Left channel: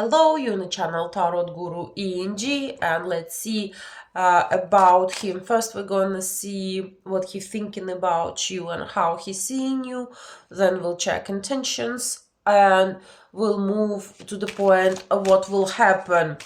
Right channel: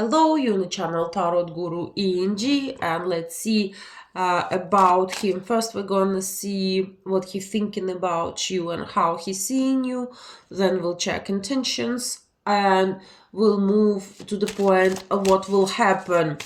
Hello, you're on the channel Tarot Guru Eng, and let's see about him. First, we're gonna see what he's thinking about you and how he's seeing you. Then we'll check intentions and we'll move to the point of what will happen.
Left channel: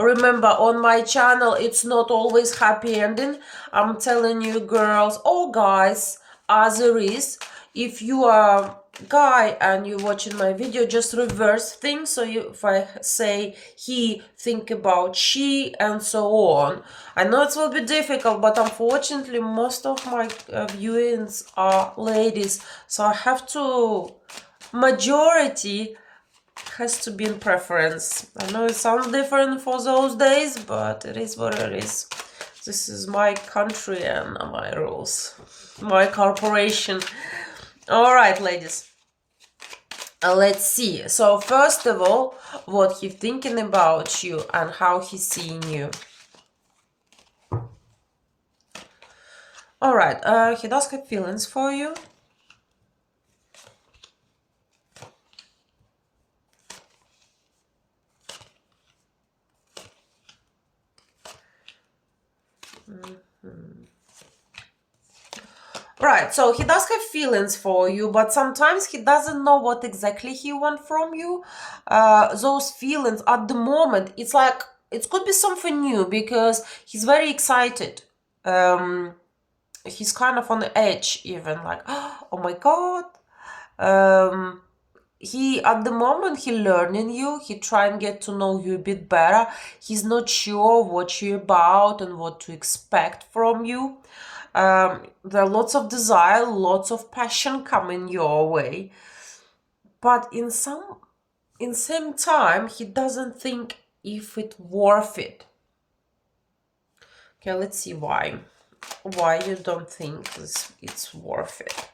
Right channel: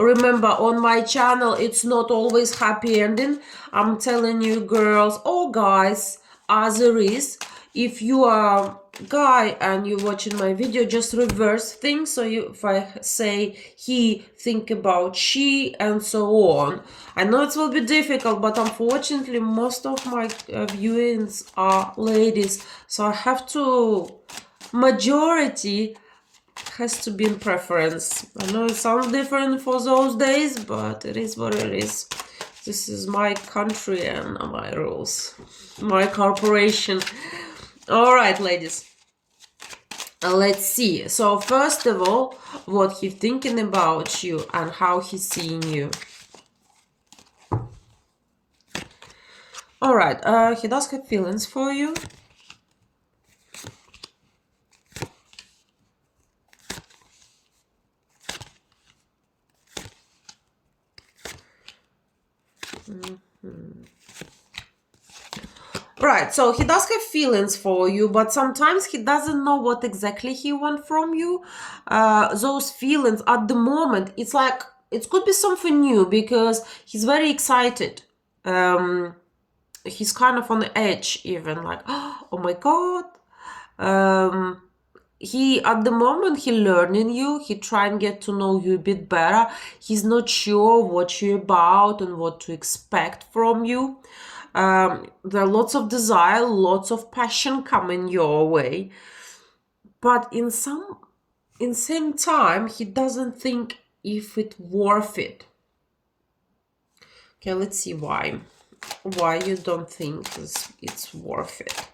Remember, on my channel, it's not always happy ending. I'm telling you, girls or guys, as there is. If you are guy and you're watching my video, just reverse things. So if I say he, think about she, and so on. I know it will be difficult, but unfortunately most of my viewings are ladies, so I have to, majority has to be in preference. I know it sounds different for those days, but it is what it is. This is my country and my rules, my corporation. All right, ladies, let's see. So first of all, what he's thinking about you and how he's seeing you. All right, he does have feelings for you. Right, so he does have feelings for you, but sometimes he doesn't know what exactly he wants from you. Those feelings at the moment, it's like, it could be something new because he's very excited. He's kind of on the edge even, like, oh my God. He, at the moment, he learning you, he try and get to know you a bit better. He's not sure what you're about and what to expect from you. There are lots of desire, lots of passion coming your way, but in same time he doesn't think if it's worth it. Okay, let's see why you don't think it's worth it.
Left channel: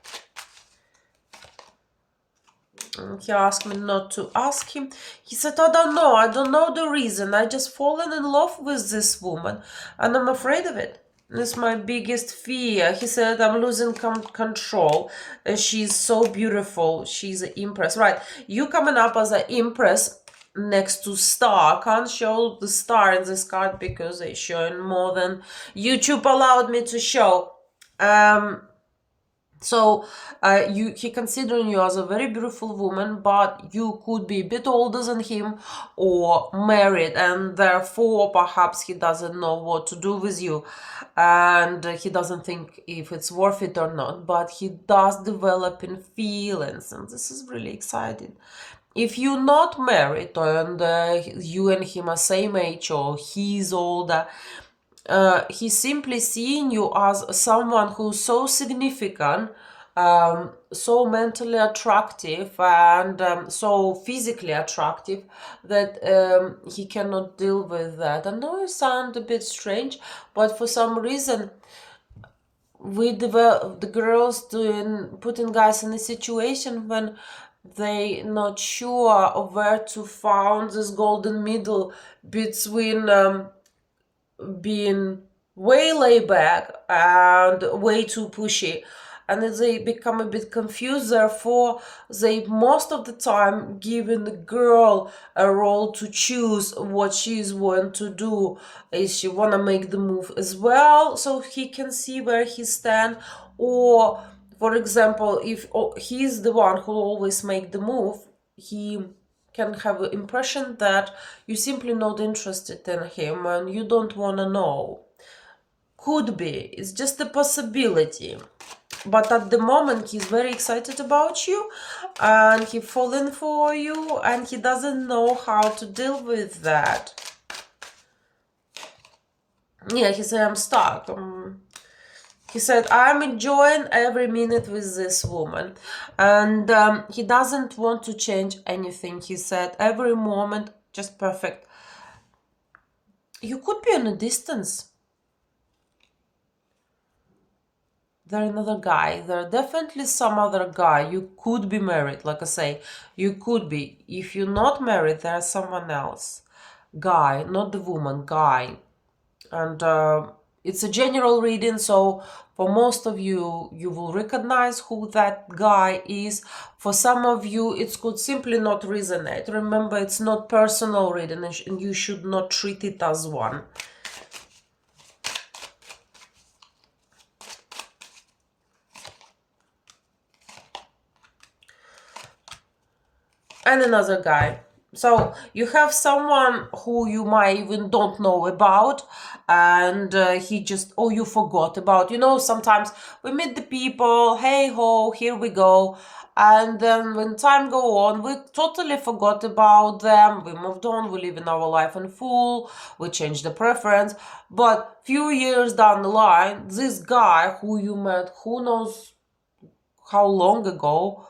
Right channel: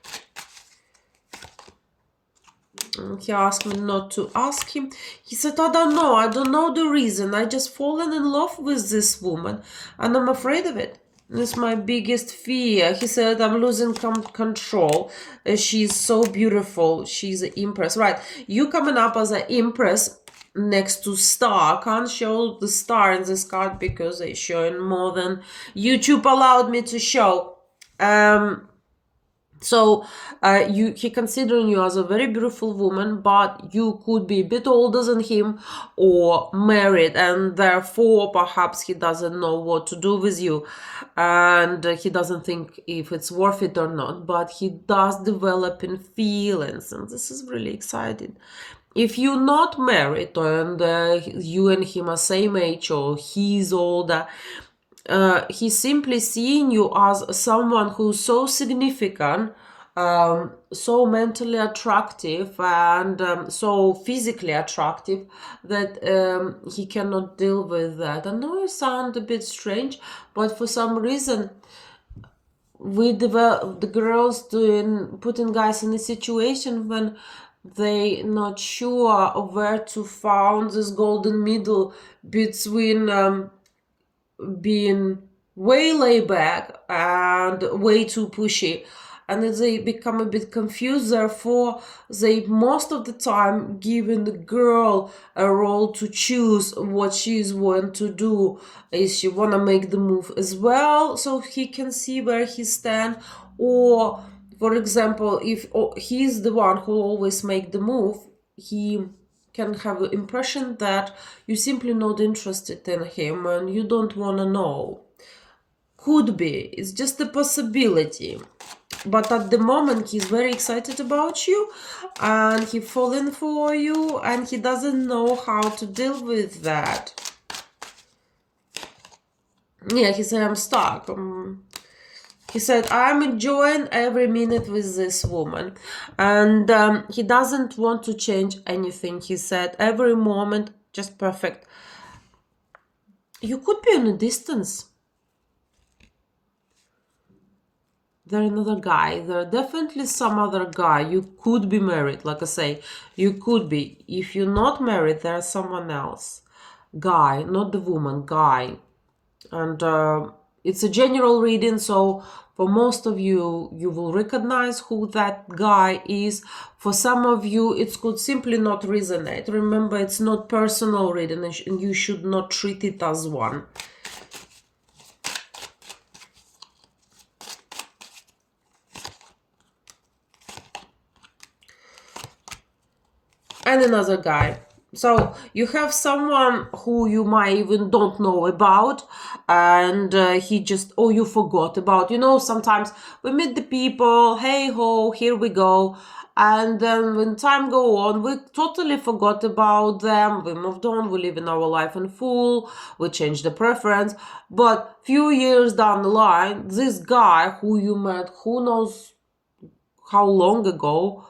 He asked me not to ask him. He said, I don't know the reason. I just fallen in love with this woman and I'm afraid of it. It's my biggest fear. He said, I'm losing control. She's so beautiful. She's an empress. Right, you coming up as an empress next to star. Can't show the star in this card because they're showing more than YouTube allowed me to show. So he considering you as a very beautiful woman, but you could be a bit older than him or married, and therefore perhaps he doesn't know what to do with you and he doesn't think if it's worth it or not, but he does develop in feelings, and this is really exciting. If you're not married and you and him are same age or he's older, he's simply seeing you as someone who's so significant, so mentally attractive and so physically attractive that he cannot deal with that. I know it sounds a bit strange, but for some reason the girls putting guys in a situation when they not sure of where to find this golden middle between being way laid back and way too pushy, and they become a bit confused. Therefore they most of the time giving the girl a role to choose what she's want to do. Is she want to make the move as well so he can see where he stand, or for example if he's the one who always make the move, he can have an impression that you're simply not interested in him and you don't want to know. Could be, it's just a possibility, but at the moment he's very excited about you and he's falling for you and he doesn't know how to deal with that. Yeah, he said, I'm stuck. He said, I'm enjoying every minute with this woman. And he doesn't want to change anything. He said, every moment, just perfect. You could be on a distance. There's another guy. There are definitely some other guy. You could be married. Like I say, you could be. If you're not married, there's someone else. Guy, not the woman, guy. And it's a general reading, so for most of you, you will recognize who that guy is. For some of you, it could simply not resonate. Remember, it's not personal reading, and you should not treat it as one. And another guy. So you have someone who you might even don't know about, and he just, oh, you forgot about. You know, sometimes we meet the people, hey ho, here we go, and then when time go on, we totally forgot about them. We moved on, we live in our life in full, we change the preference. But few years down the line, this guy who you met, who knows how long ago,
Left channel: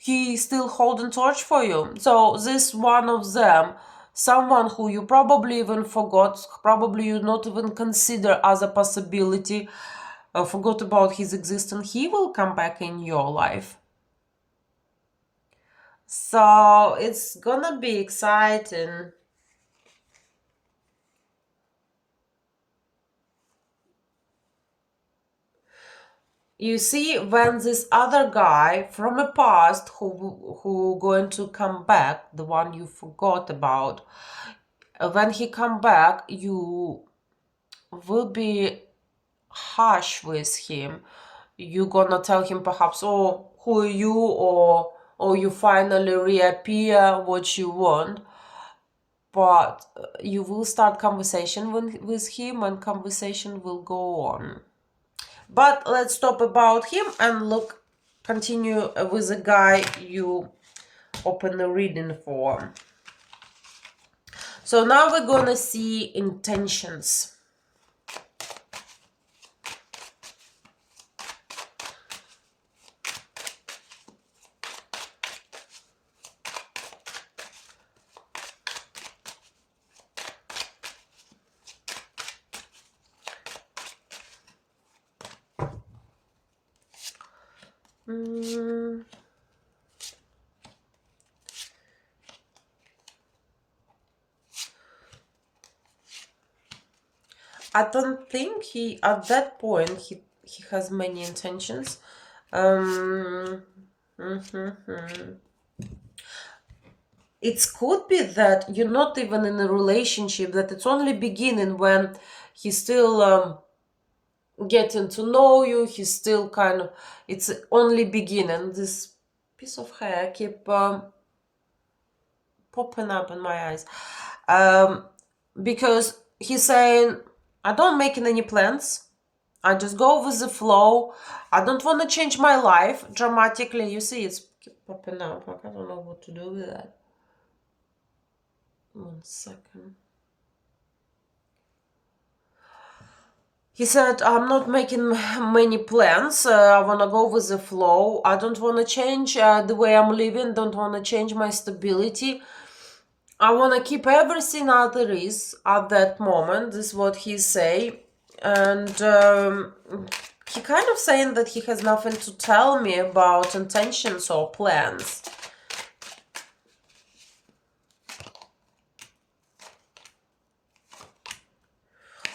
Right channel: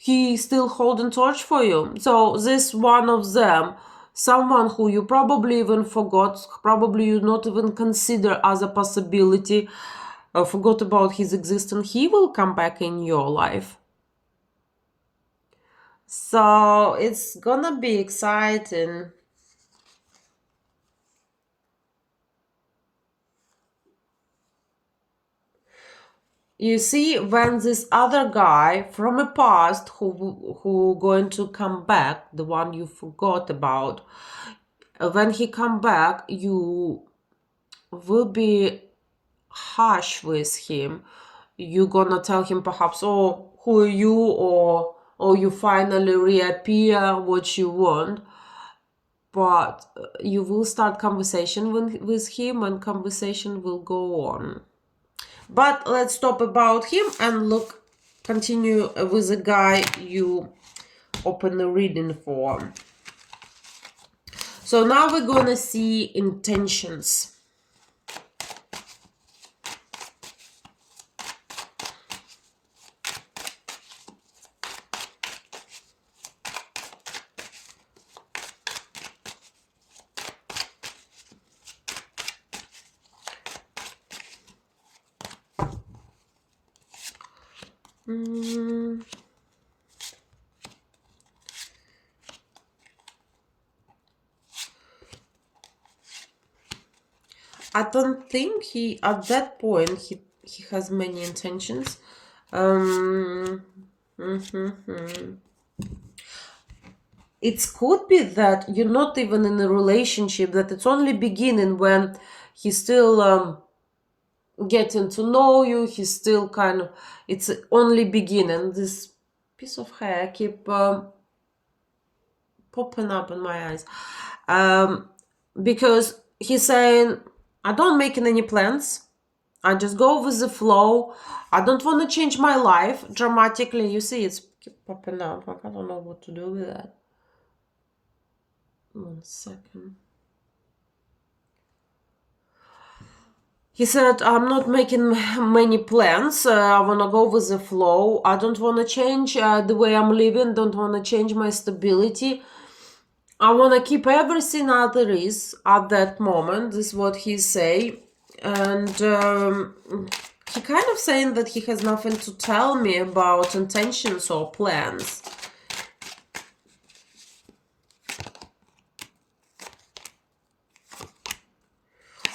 he still holding torch for you. So this one of them, someone who you probably even forgot, probably you not even consider as a possibility, forgot about his existence, he will come back in your life. So it's gonna be exciting. You see, when this other guy from the past who going to come back, the one you forgot about, when he come back, you will be harsh with him. You're gonna tell him perhaps, oh, who are you, or you finally reappear, what you want. But you will start conversation with him, and conversation will go on. But let's stop about him and continue with the guy you open the reading for. So now we're gonna see intentions. I don't think at that point he has many intentions. It could be that you're not even in a relationship, that it's only beginning when he's still getting to know you, he's still kind of, it's only beginning. This piece of hair keep popping up in my eyes, because he's saying, I don't making any plans, I just go with the flow, I don't want to change my life dramatically. You see, it's keep popping out, like I don't know what to do with that. 1 second. He said, I'm not making many plans. I want to go with the flow. I don't want to change the way I'm living. Don't want to change my stability. I want to keep everything as there is at that moment. This is what he say. And he kind of saying that he has nothing to tell me about intentions or plans.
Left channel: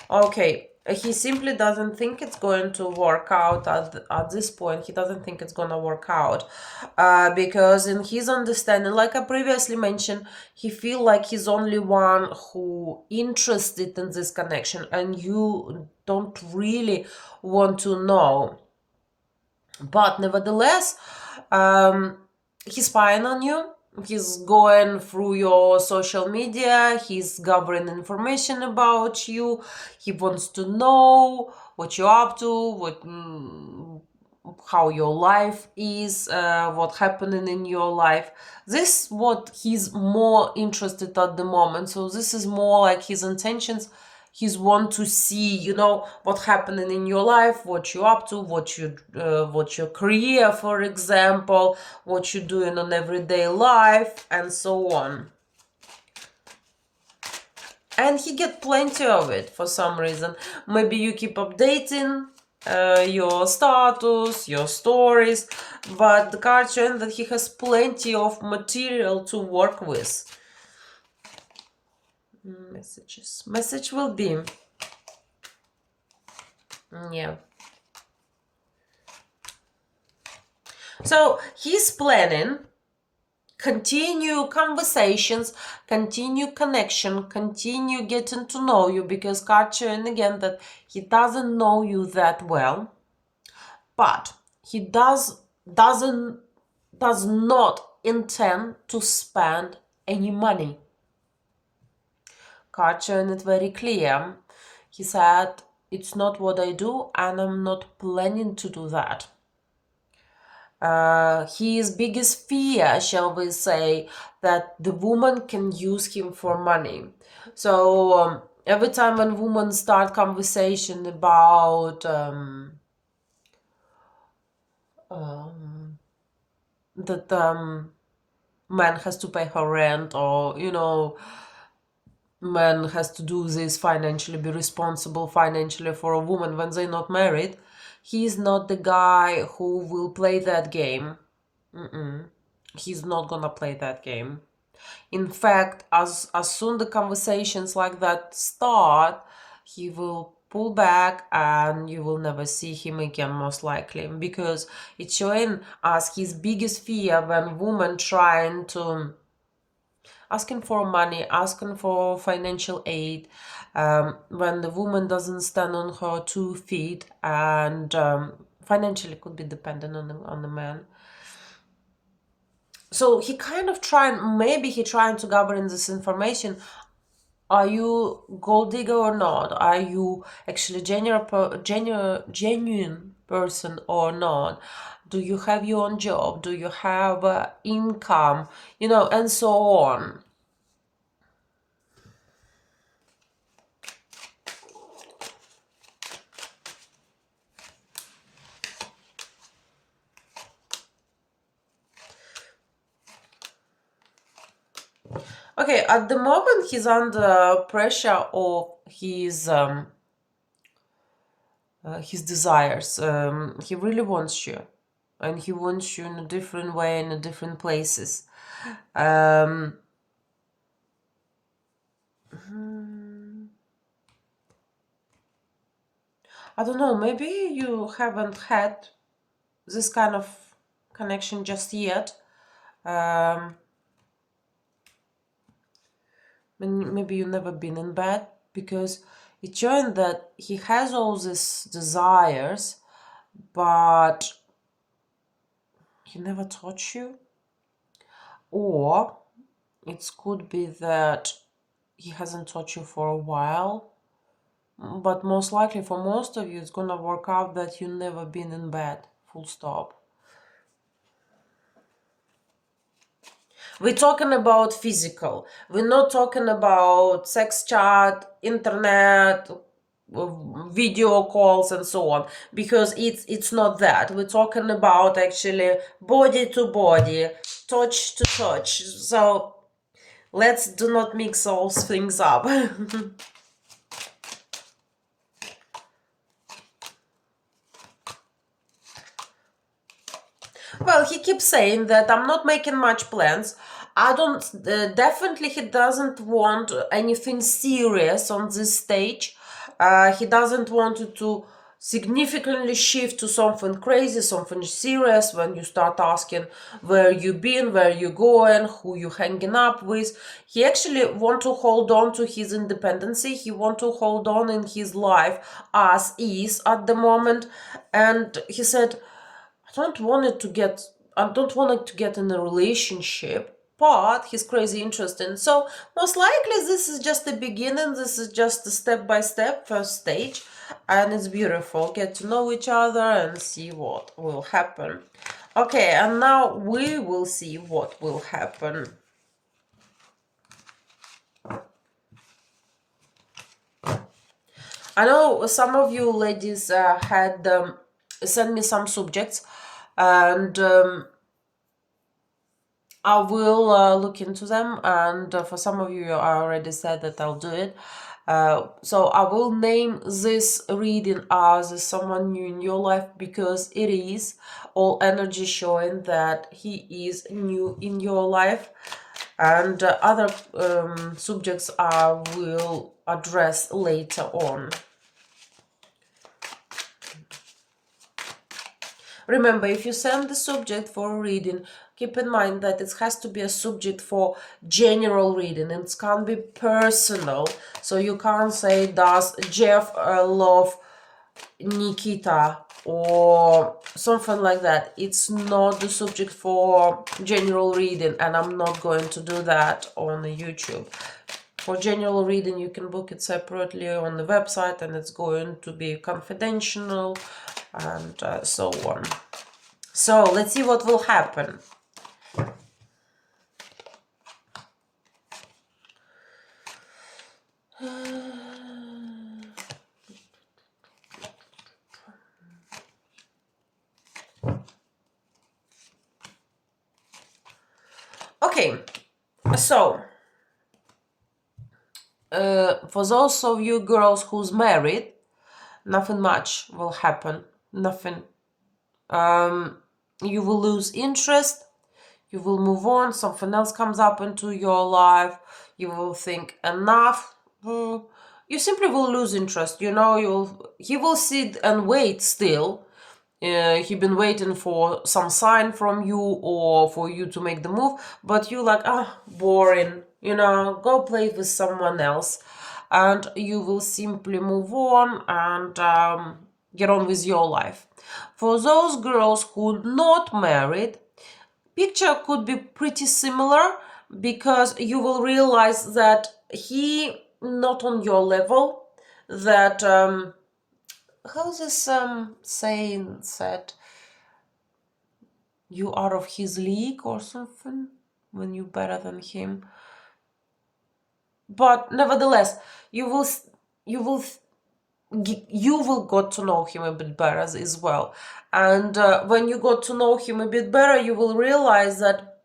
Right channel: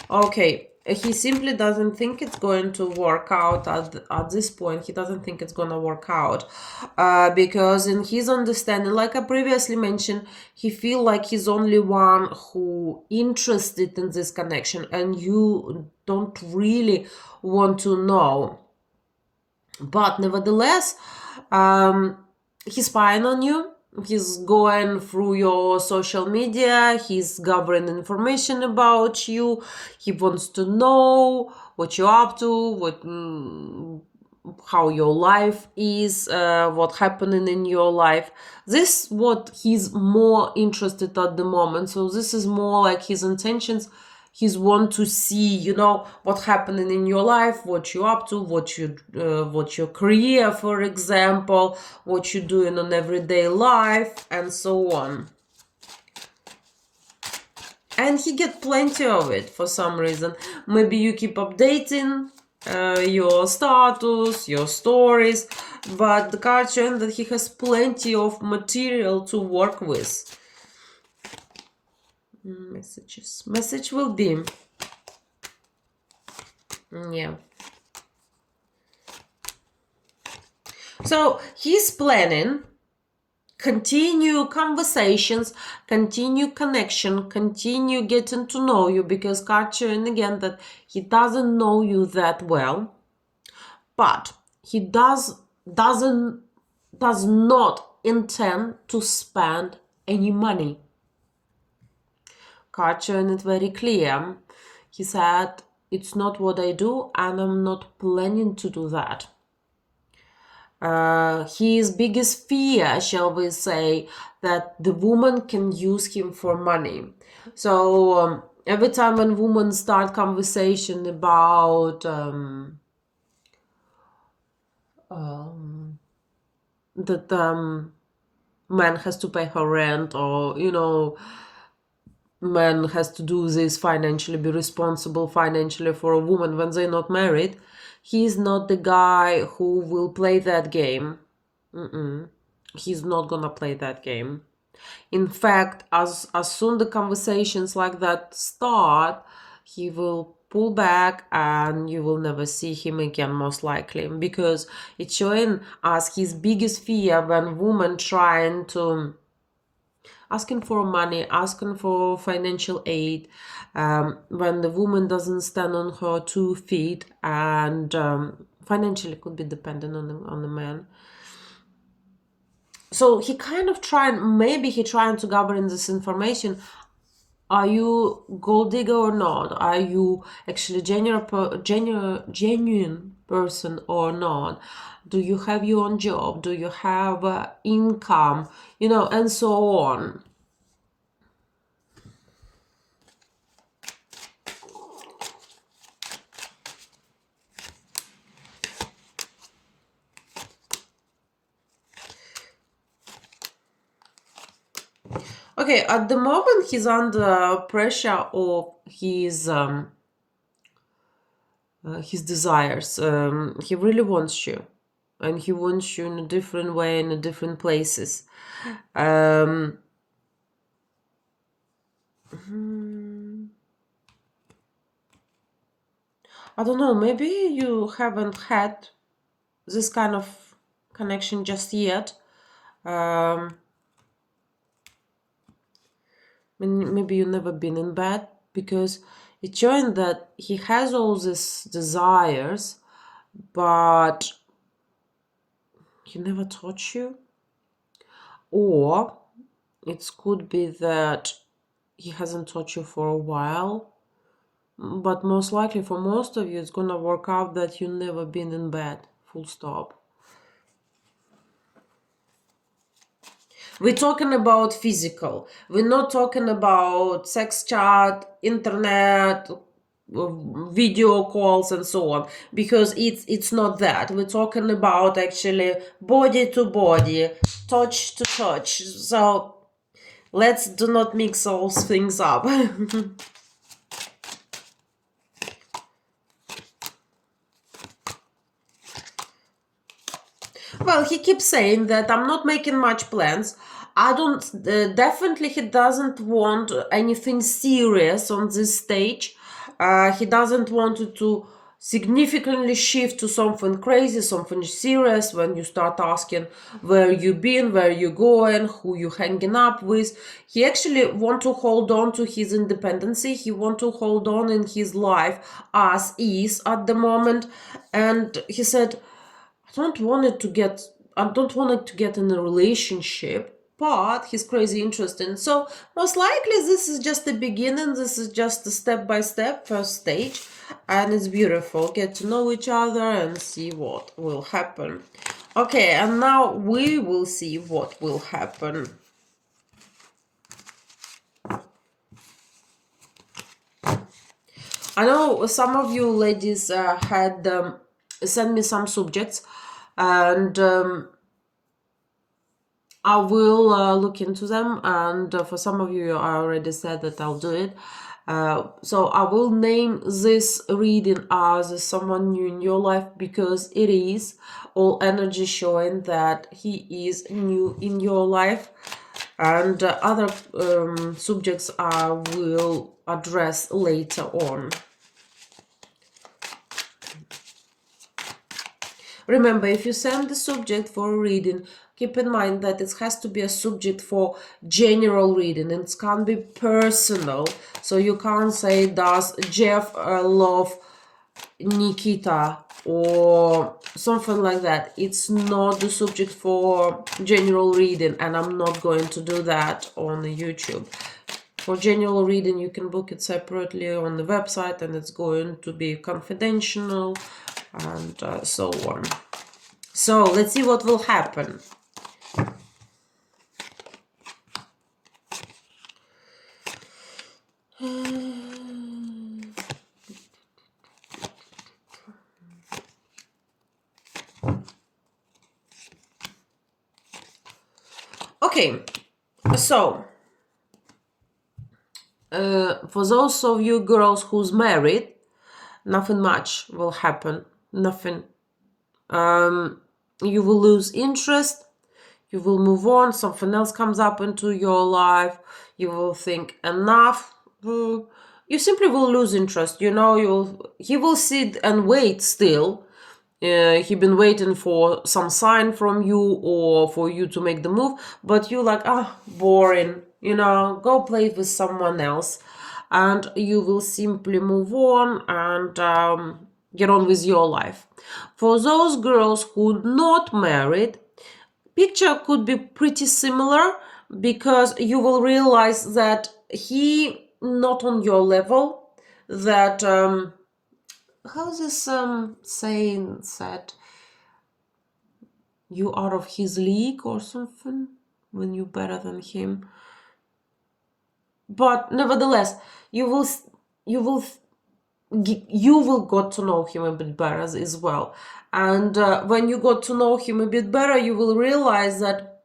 Okay, he simply doesn't think it's going to work out at this point. He doesn't think it's gonna work out because in his understanding, like I previously mentioned, he feel like he's only one who interested in this connection, and you don't really want to know. But nevertheless, he's spying on you. He's going through your social media, he's gathering information about you, he wants to know what you're up to, how your life is, what's happening in your life. This is what he's more interested at the moment. So this is more like his intentions. He's want to see, you know, what's happening in your life, what you're up to, what your career, for example, what you're doing on everyday life, and so on. And he get plenty of it for some reason. Maybe you keep updating your status, your stories, but the card showing that he has plenty of material to work with. Messages. Message will be, Yeah. So he's planning continue conversations, continue connection, continue getting to know you, because card showing again that he doesn't know you that well, but he does not intend to spend any money. Card showing it very clear. He said, it's not what I do, and I'm not planning to do that. His biggest fear, shall we say, that the woman can use him for money. So every time when women start conversation about that man has to pay her rent, or man has to do this financially, be responsible financially for a woman when they're not married, he's not the guy who will play that game. He's not gonna play that game. In fact, as soon the conversations like that start, he will pull back and you will never see him again, most likely, because it's showing us his biggest fear when women trying to asking for money, asking for financial aid, when the woman doesn't stand on her 2 feet and financially could be dependent on the man. So he kind of maybe he trying to gather in this information. Are you gold digger or not? Are you actually genuine person or not? Do you have your own job? Do you have income? And so on. Okay, at the moment he's under pressure of his desires. He really wants you, and he wants you in a different way, in a different places. I don't know, maybe you haven't had this kind of connection just yet. Maybe you've never been in bed, because it's showing that he has all these desires, but he never touched you. Or it could be that he hasn't touched you for a while, but most likely for most of you it's gonna work out that you've never been in bed, full stop. We're talking about physical. We're not talking about sex chat, internet, video calls and so on, because it's not that. We're talking about actually body to body, touch to touch. So let's do not mix those things up. Well, he keeps saying that I'm not making much plans. I don't, definitely he doesn't want anything serious on this stage. He doesn't want to significantly shift to something crazy, something serious. When you start asking where you been, where you going, who you hanging up with, he actually want to hold on to his independency. He want to hold on in his life as is at the moment. And he said, I don't want it to get in a relationship, but he's crazy interesting. So most likely this is just the beginning. This is just a step-by-step first stage, and it's beautiful. Get to know each other and see what will happen. Okay, and now we will see what will happen. I know some of you ladies had sent me some subjects, and I will look into them, and for some of you I already said that I'll do it. So I will name this reading as someone new in your life, because it is all energy showing that he is new in your life, and other subjects I will address later on. Remember, if you send the subject for a reading, keep in mind that it has to be a subject for general reading. It can't be personal. So you can't say, does Jeff love Nikita or something like that. It's not the subject for general reading, and I'm not going to do that on YouTube. For general reading, you can book it separately on the website, and it's going to be confidential and so on. So let's see what will happen. Okay, so for those of you girls who's married, nothing much will happen. Nothing. You will lose interest. You will move on. Something else comes up into your life. You will think enough. You simply will lose interest. You know, he will sit and wait still. He been waiting for some sign from you or for you to make the move, but you like, boring, you know, go play with someone else, and you will simply move on and get on with your life. For those girls who not married, picture could be pretty similar, because you will realize that he not on your level, that how's this saying said, you out of his league or something when you're better than him. But nevertheless, you will got to know him a bit better as well. And when you got to know him a bit better, you will realize that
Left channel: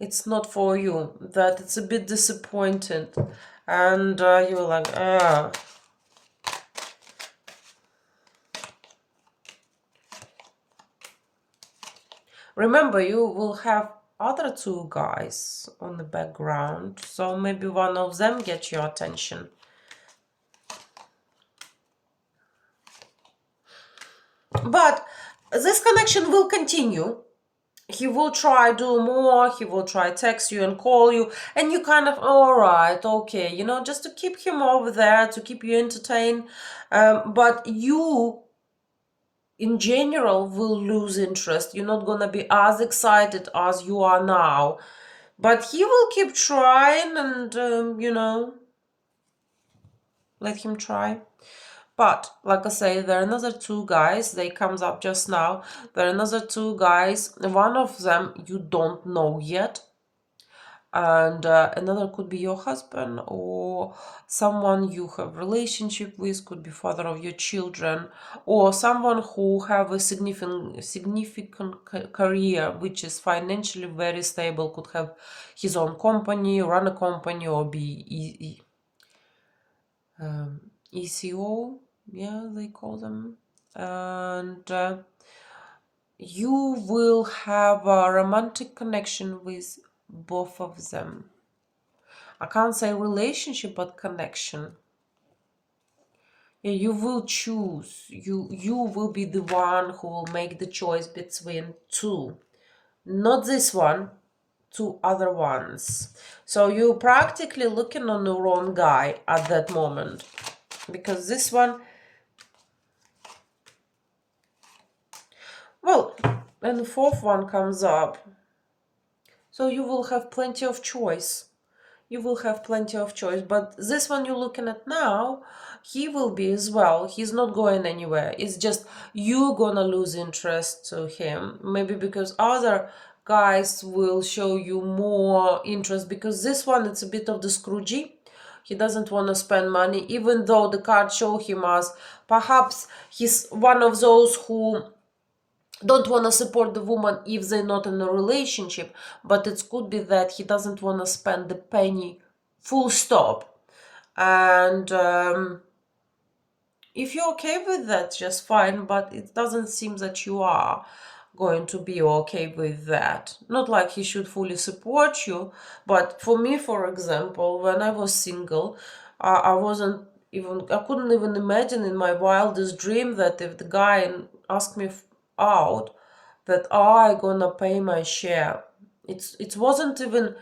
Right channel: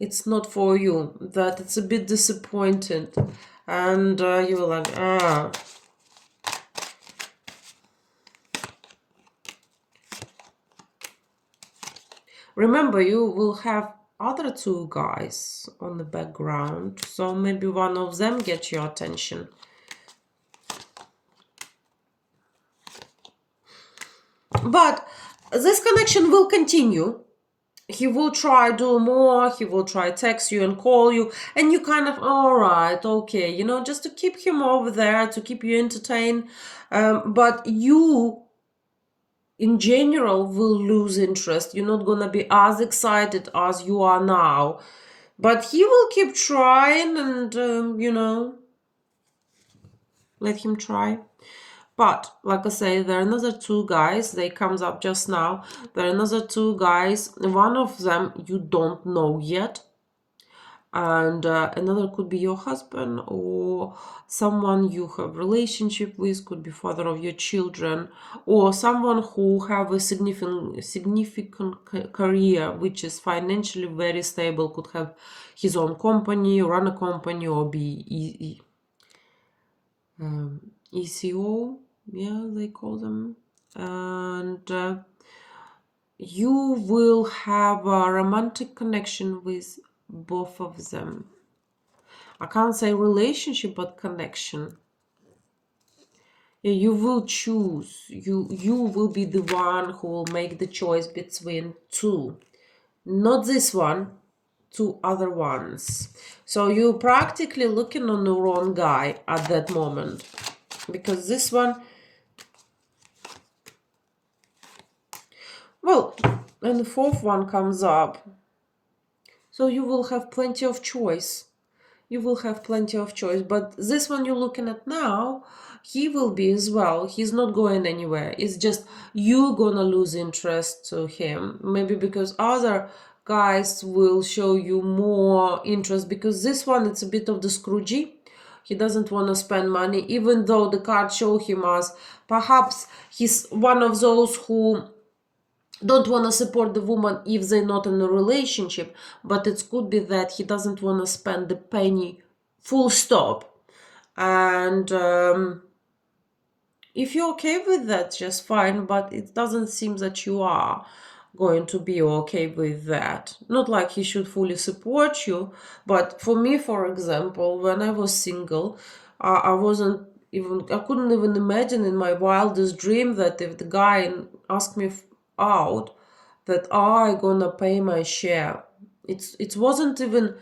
it's not for you, that it's a bit disappointed, and you're like, Remember, you will have other two guys on the background, so maybe one of them gets your attention. But this connection will continue. He will try do more, he will try text you and call you, and you kind of, all right, okay, you know, just to keep him over there, to keep you entertained. But you, in general, will lose interest. You're not gonna be as excited as you are now. But he will keep trying, and, you know, let him try. But, like I say, there are another two guys. They comes up just now. There are another two guys. One of them you don't know yet. And another could be your husband or someone you have relationship with, could be father of your children, or someone who have a significant career, which is financially very stable, could have his own company, run a company, or be ECO, yeah, they call them. And you will have a romantic connection with both of them. I can't say relationship, but connection. Yeah, you will choose. You will be the one who will make the choice between two. Not this one, two other ones. So you're practically looking on the wrong guy at that moment. Because this one, well, and the fourth one comes up. So you will have plenty of choice. You will have plenty of choice. But this one you're looking at now, he will be as well. He's not going anywhere. It's just you gonna lose interest to him. Maybe because other guys will show you more interest, because this one, it's a bit of the Scroogey. He doesn't want to spend money, even though the card show him as perhaps he's one of those who don't want to support the woman if they're not in a relationship, but it could be that he doesn't want to spend the penny, full stop. And if you're okay with that, just fine, but it doesn't seem that you are going to be okay with that. Not like he should fully support you, but for me, for example, when I was single, I couldn't even imagine in my wildest dream that if the guy asked me out that I gonna pay my share. It wasn't even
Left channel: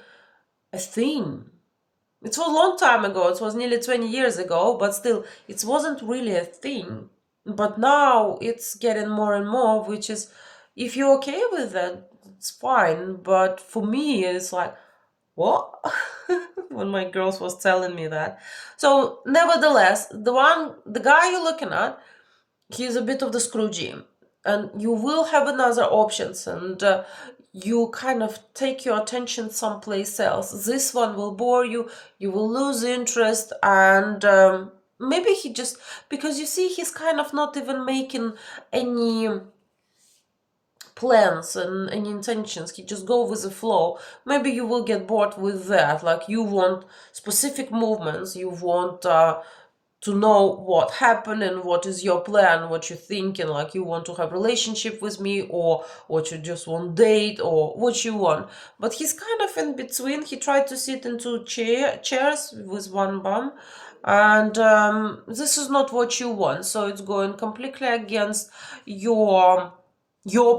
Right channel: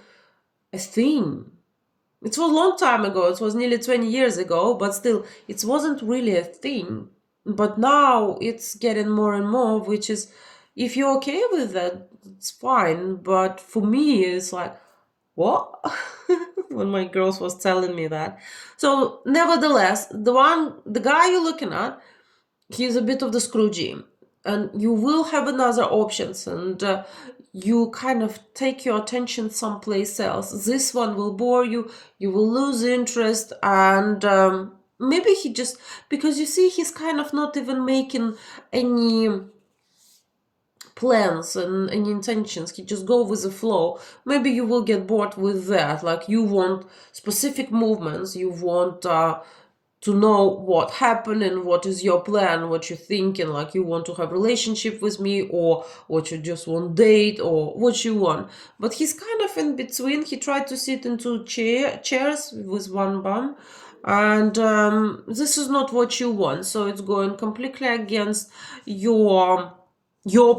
a thing. It was a long time ago. It was nearly 20 years ago, but still, it wasn't really a thing. But now it's getting more and more, which is, if you're okay with that, it's fine. But for me, it's like, what? When my girls was telling me that. So, nevertheless, the guy you're looking at, he's a bit of the Scroogey, and you will have another options, and you kind of take your attention someplace else. This one will bore you, you will lose interest, and maybe he just, because you see, he's kind of not even making any plans and any intentions. He just go with the flow. Maybe you will get bored with that. Like, you want specific movements, you want to know what happened and what is your plan, what you're thinking, like you want to have relationship with me, or what you just want date, or what you want. But he's kind of in between. He tried to sit in two chairs with one bum, and this is not what you want. So it's going completely against your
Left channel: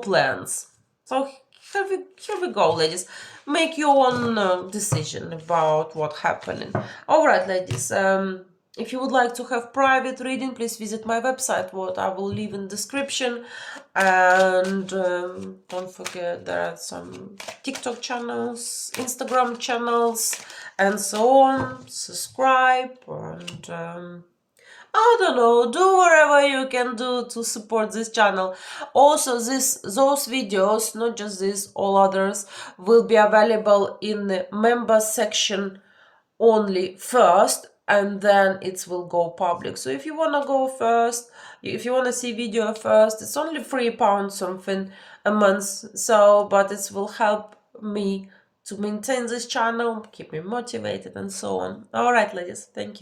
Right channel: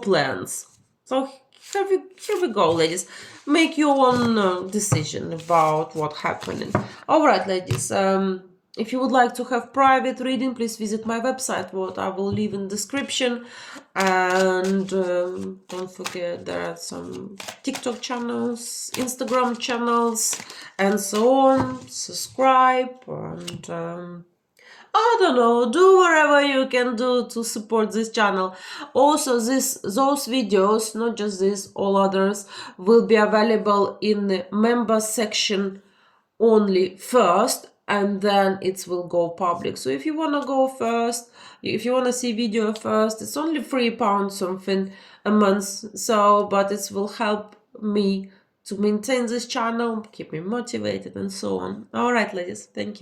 plans. So here we go, ladies. Make your own decision about what happened. All right, ladies. If you would like to have private reading, please visit my website, what I will leave in description. And don't forget, there are some TikTok channels, Instagram channels, and so on. Subscribe and I don't know, do whatever you can do to support this channel. Also, those videos, not just this, all others, will be available in the member section only first, and then it will go public. So if you want to go first, if you want to see video first, it's only £3 something a month. So, but it will help me to maintain this channel, keep me motivated, and so on. All right, ladies, thank you.